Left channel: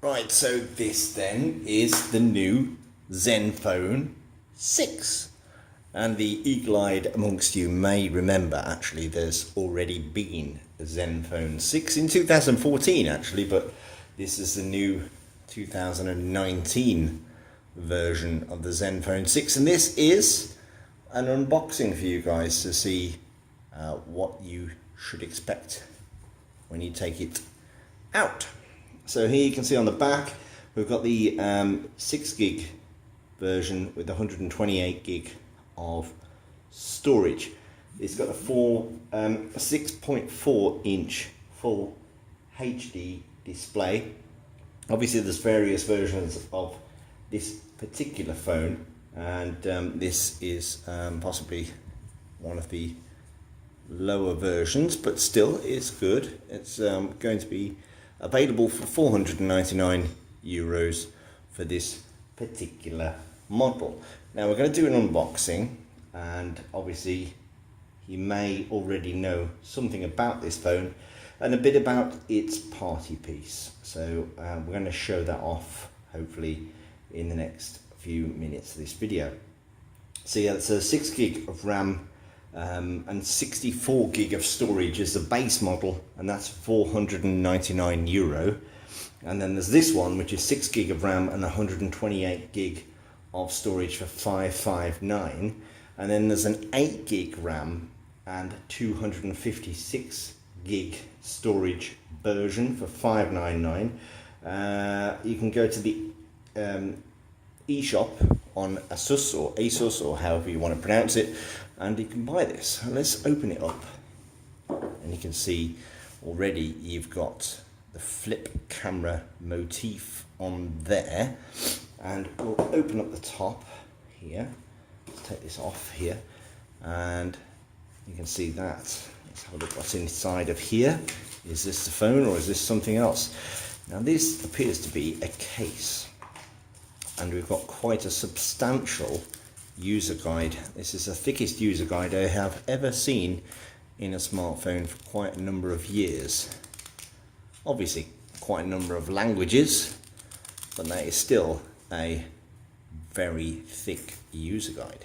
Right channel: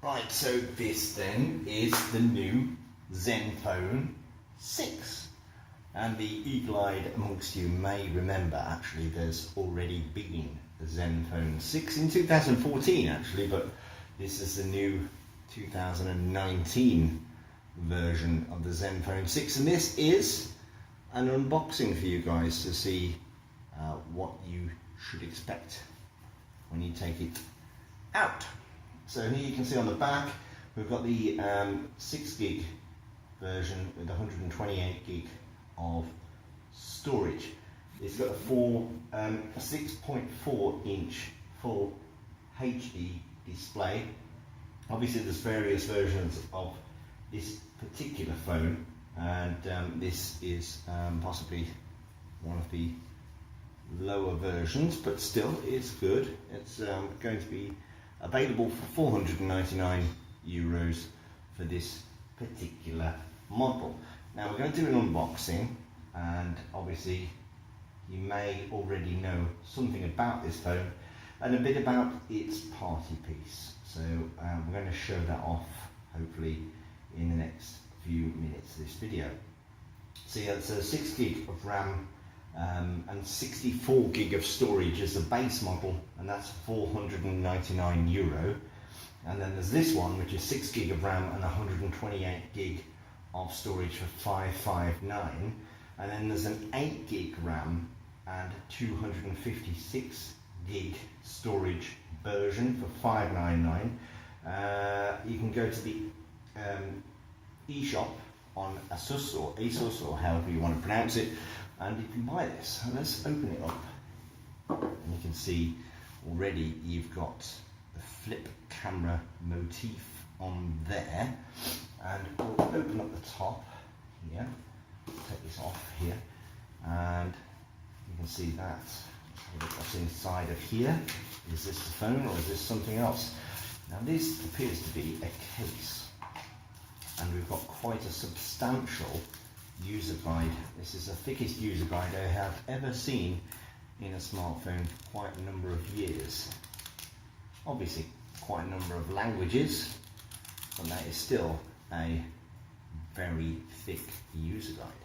Right, so this then is the new ZenFone 6. And the eagle-eyed amongst you may remember, actually, there's already been a ZenFone 6 in 2014, actually, but this is the new 2019 version of the ZenFone 6. And this is an unboxing for you guys to see what you should expect when you take it out. So here you can see on the back we've got the 6 gig version with 128 gig of storage. It's got a 6.4 inch full HD display. Obviously there's various versions of this particular phone, and this is possibly one of the lower versions, but still it's good. It's going to be available for 499 euros for this particular model. Now we're going to do an unboxing, and obviously you may already know something about this phone and a bit about its party piece. So we're going to show that off hopefully in the next few minutes of this video. So yeah, it's a 6 gig of RAM and 64 gig of storage is the base model, and that's 499 euro. And then there's this one, which is 6 gig of RAM and 128 gig of storage for 559. And then there's an 8 gig RAM and 256 gig storage version for 599. You can go to the eShop on Asus or Asus or however you want to pronounce it, and you can buy this. And let's open it up, and you can see already you've got the flip camera motif on there. And we'll open up the top here, take this off here, and you can see that. Let's have a look what's inside of here. Is this the phone or is this something else? Now this appears to be a case, and we've got quite a substantial user guide. This is the thickest user guide I have ever seen in a smartphone for quite a number of years. Obviously quite a number of languages, but that is still a very thick user guide.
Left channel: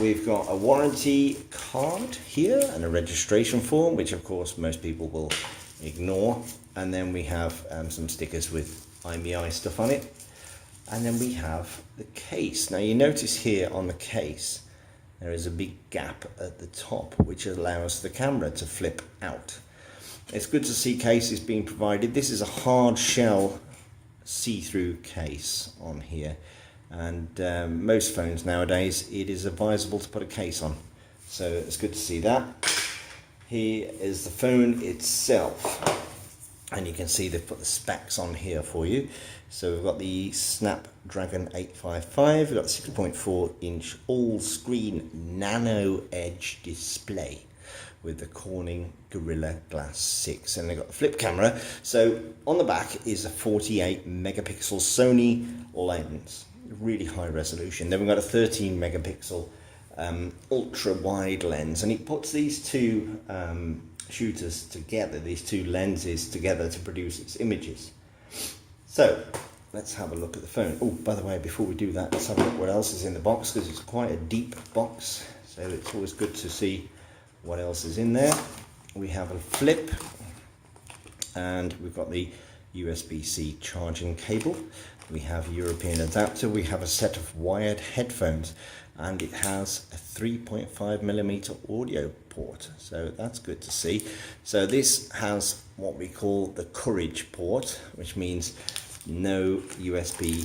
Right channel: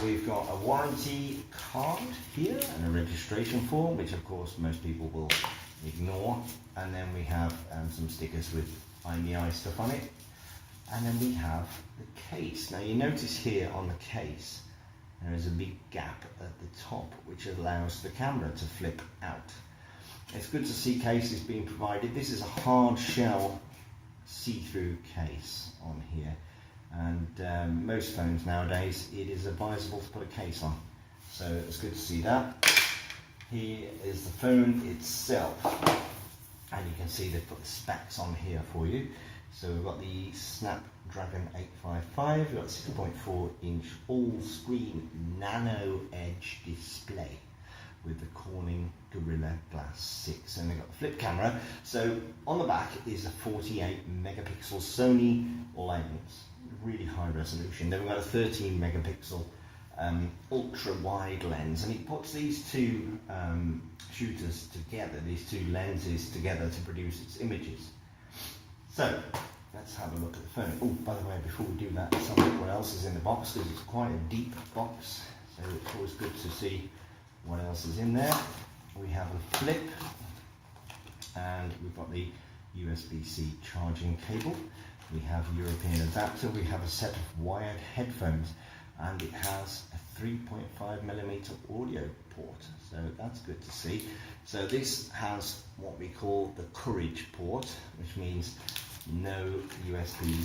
We've got a warranty card here and a registration form, which of course most people will ignore, and then we have some stickers with IMEI stuff on it. And then we have the case. Now you notice here on the case there is a big gap at the top which allows the camera to flip out. It's good to see cases being provided. This is a hard shell see-through case on here, and most phones nowadays it is advisable to put a case on, so it's good to see that. Here is the phone itself, and you can see they've put the specs on here for you. So we've got the Snapdragon 855, we've got 6.4 inch all-screen nano edge display with the Corning Gorilla Glass 6, and they've got the flip camera. So on the back is a 48 megapixel Sony lens, really high resolution. Then we've got a 13 megapixel ultra wide lens, and it puts these two shooters together, these two lenses together to produce its images. So let's have a look at the phone. Oh, by the way, before we do that, let's have a look what else is in the box, because it's quite a deep box, so it's always good to see what else is in there. We have a flip, and we've got the USB-C charging cable. We have a European adapter. We have a set of wired headphones, and it has a 3.5mm audio port, so that's good to see. So this has what we call the Courage port, which means no USB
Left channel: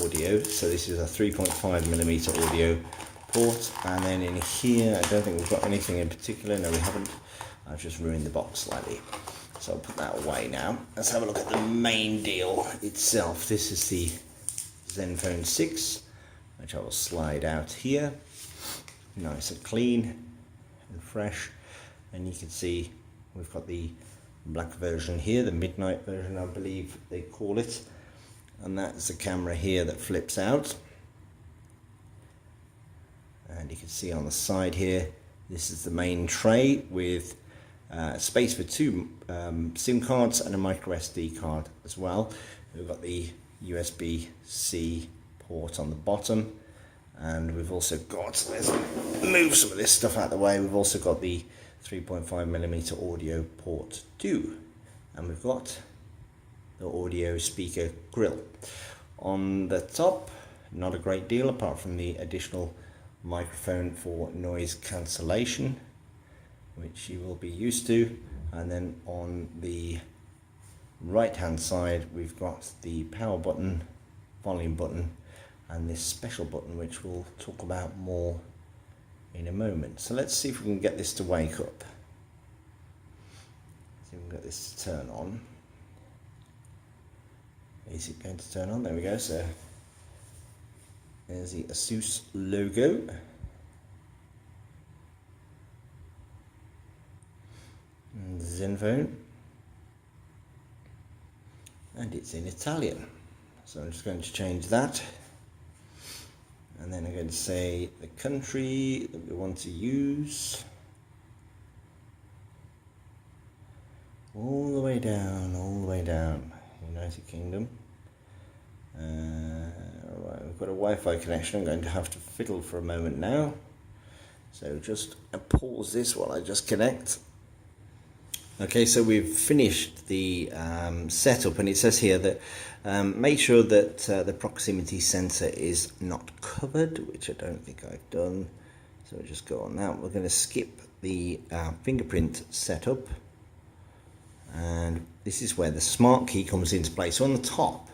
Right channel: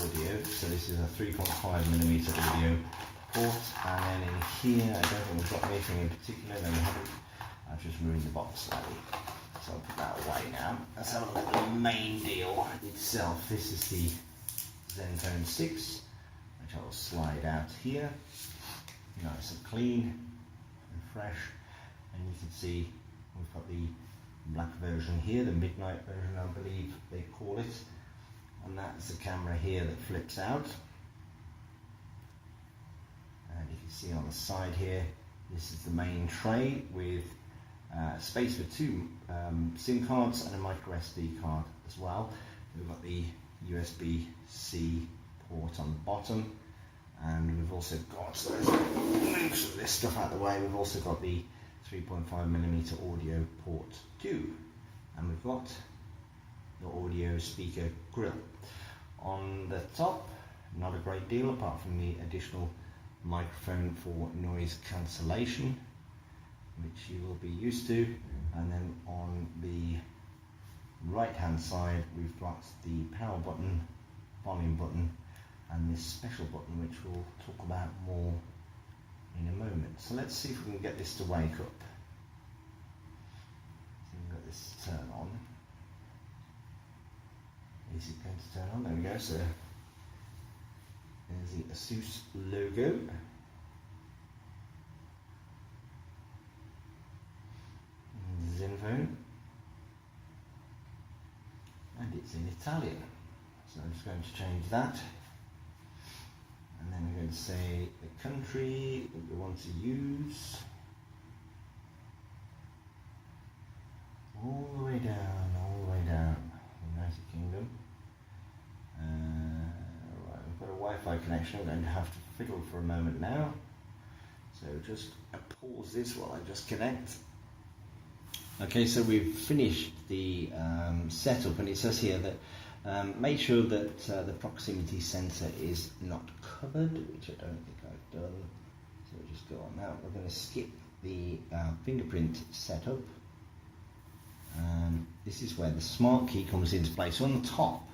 audio. So this is a 3.5mm audio port, and then in here I don't think we've got anything in particular. No, we haven't. I've just ruined the box slightly, so I'll put that away now. Let's have a look at the main deal itself. This is the ZenFone 6, which I will slide out here, nice and clean and fresh. And you can see we've got the black version here, the midnight version I believe they call it, and that's the camera here that flips out. And you can see on the side here, this is the main tray with space for two SIM cards and a micro SD card as well. We've got the USB-C port on the bottom, and we've also got, let's move some of this stuff out of the way, we've also got the 3.5mm audio port too, and we've got the audio speaker grill. On the top, not a great deal apart from the additional microphone for noise cancellation, which you will be used to. And then on the right hand side we've got the power button, volume button, and this special button which we'll talk about more in a moment. So let's see if we can get this to wake up. See if we can get this to turn on. Is it going to turn on? There we go. So there's the Asus logo. ZenFone, and it's in Italian, so I'm just going to change that, and then I'm going to say the country that we want to use, all the way down, United Kingdom. Right, we've got a Wi-Fi connection. I'm going to have to fiddle for a moment now, so just pause this while I just connect. Okay, so we've finished the setup, and it says here that make sure that the proximity sensor is not covered, which I don't think I've done. So we'll just go on that. We're going to skip the fingerprint setup, and this is where the smart key comes into play. So on the top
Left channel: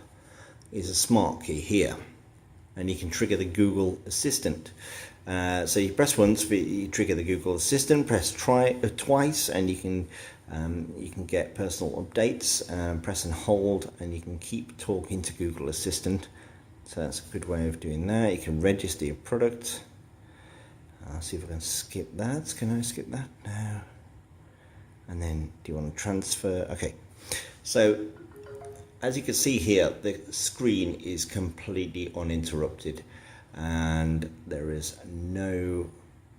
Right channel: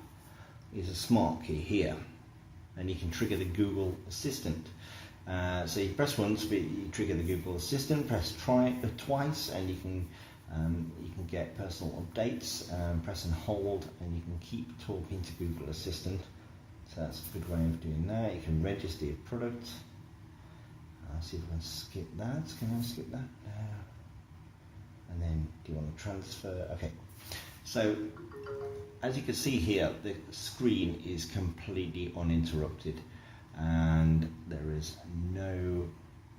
is a smart key here, and you can trigger the Google Assistant. So you press once, you trigger the Google Assistant, press twice, and you can get personal updates, press and hold, and you can keep talking to Google Assistant. So that's a good way of doing that. You can register your product. I'll see if I can skip that. Can I skip that? No. And then do you want to transfer? Okay. So as you can see here, the screen is completely uninterrupted, and there is no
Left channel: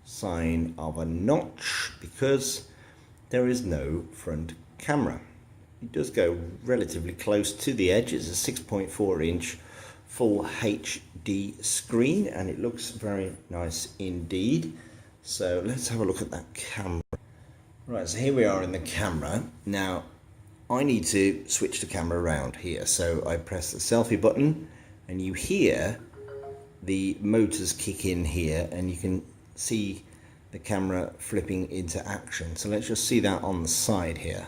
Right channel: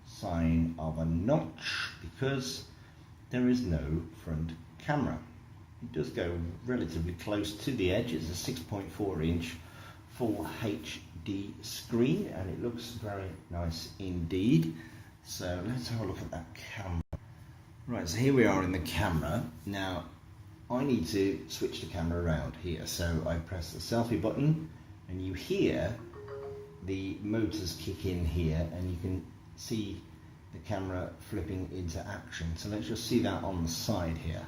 sign of a notch because there is no front camera. It does go relatively close to the edge. It's a 6.4 inch full HD screen, and it looks very nice indeed. So let's have a look at that camera. Right, so here we are in the camera. Now I need to switch the camera around here. So I press the selfie button, and you hear the motors kick in here, and you can see the camera flipping into action. So let's just see that on the side here.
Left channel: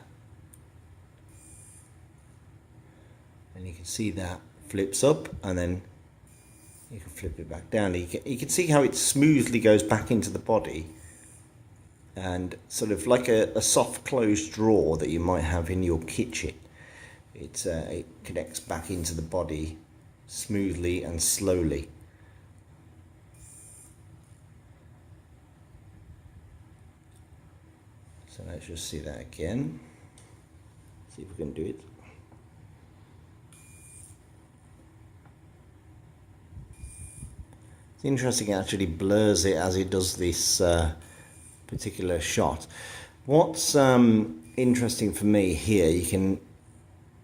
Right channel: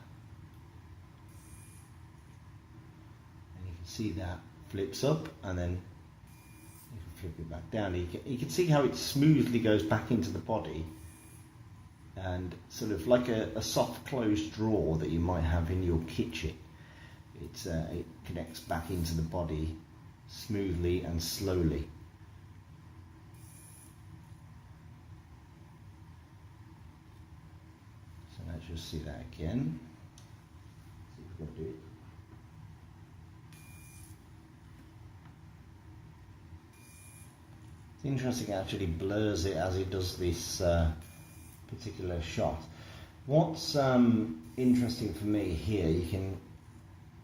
And you can see that flips up, and then you can flip it back down. You can see how it smoothly goes back into the body, and sort of like a soft closed drawer that you might have in your kitchen. It connects back into the body smoothly and slowly. So let's just see that again. See if we can do it. It's interesting, it actually blurs it as it does this particular shot. What's interesting for me here, you can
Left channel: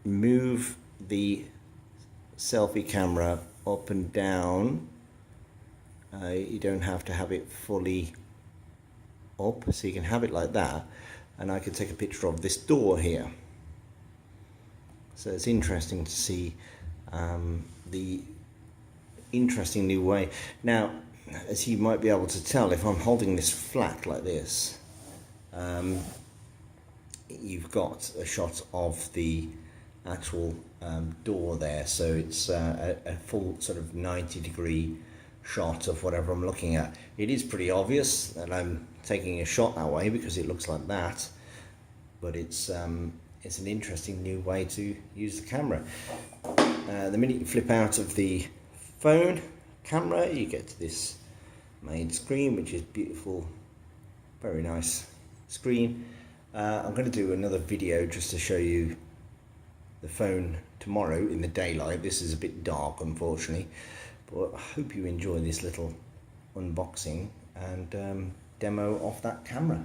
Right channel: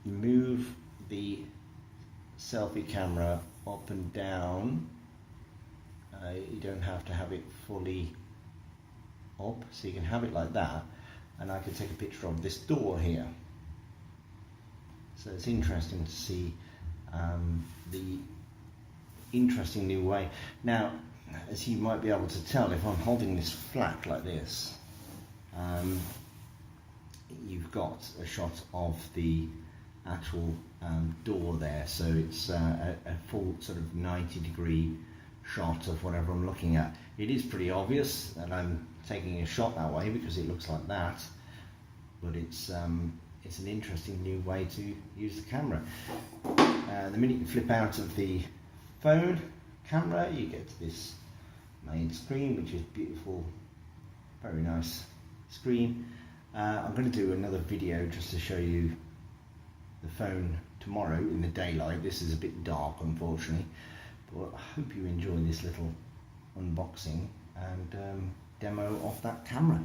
move the selfie camera up and down. You don't have to have it fully up, so you can have it like that, and I can take a picture of this door here. So it's interesting to see the interesting new way. Now, as you might be able to tell, if I'm holding this flat like this, you've got a shot of the actual door there, so it's a full sort of 90-degree shot of whatever I'm looking at. It is pretty obvious that I'm taking a shot that way because it looks like that, but it's an interesting new way to use the camera. The minute you flip out of the phone camera, you get to this main screen, which is beautiful, very nice screen. I'm going to do another video just to show you the phone tomorrow in the daylight. This is a bit dark, unfortunately, but I hope you enjoy this little unboxing and demo of that camera.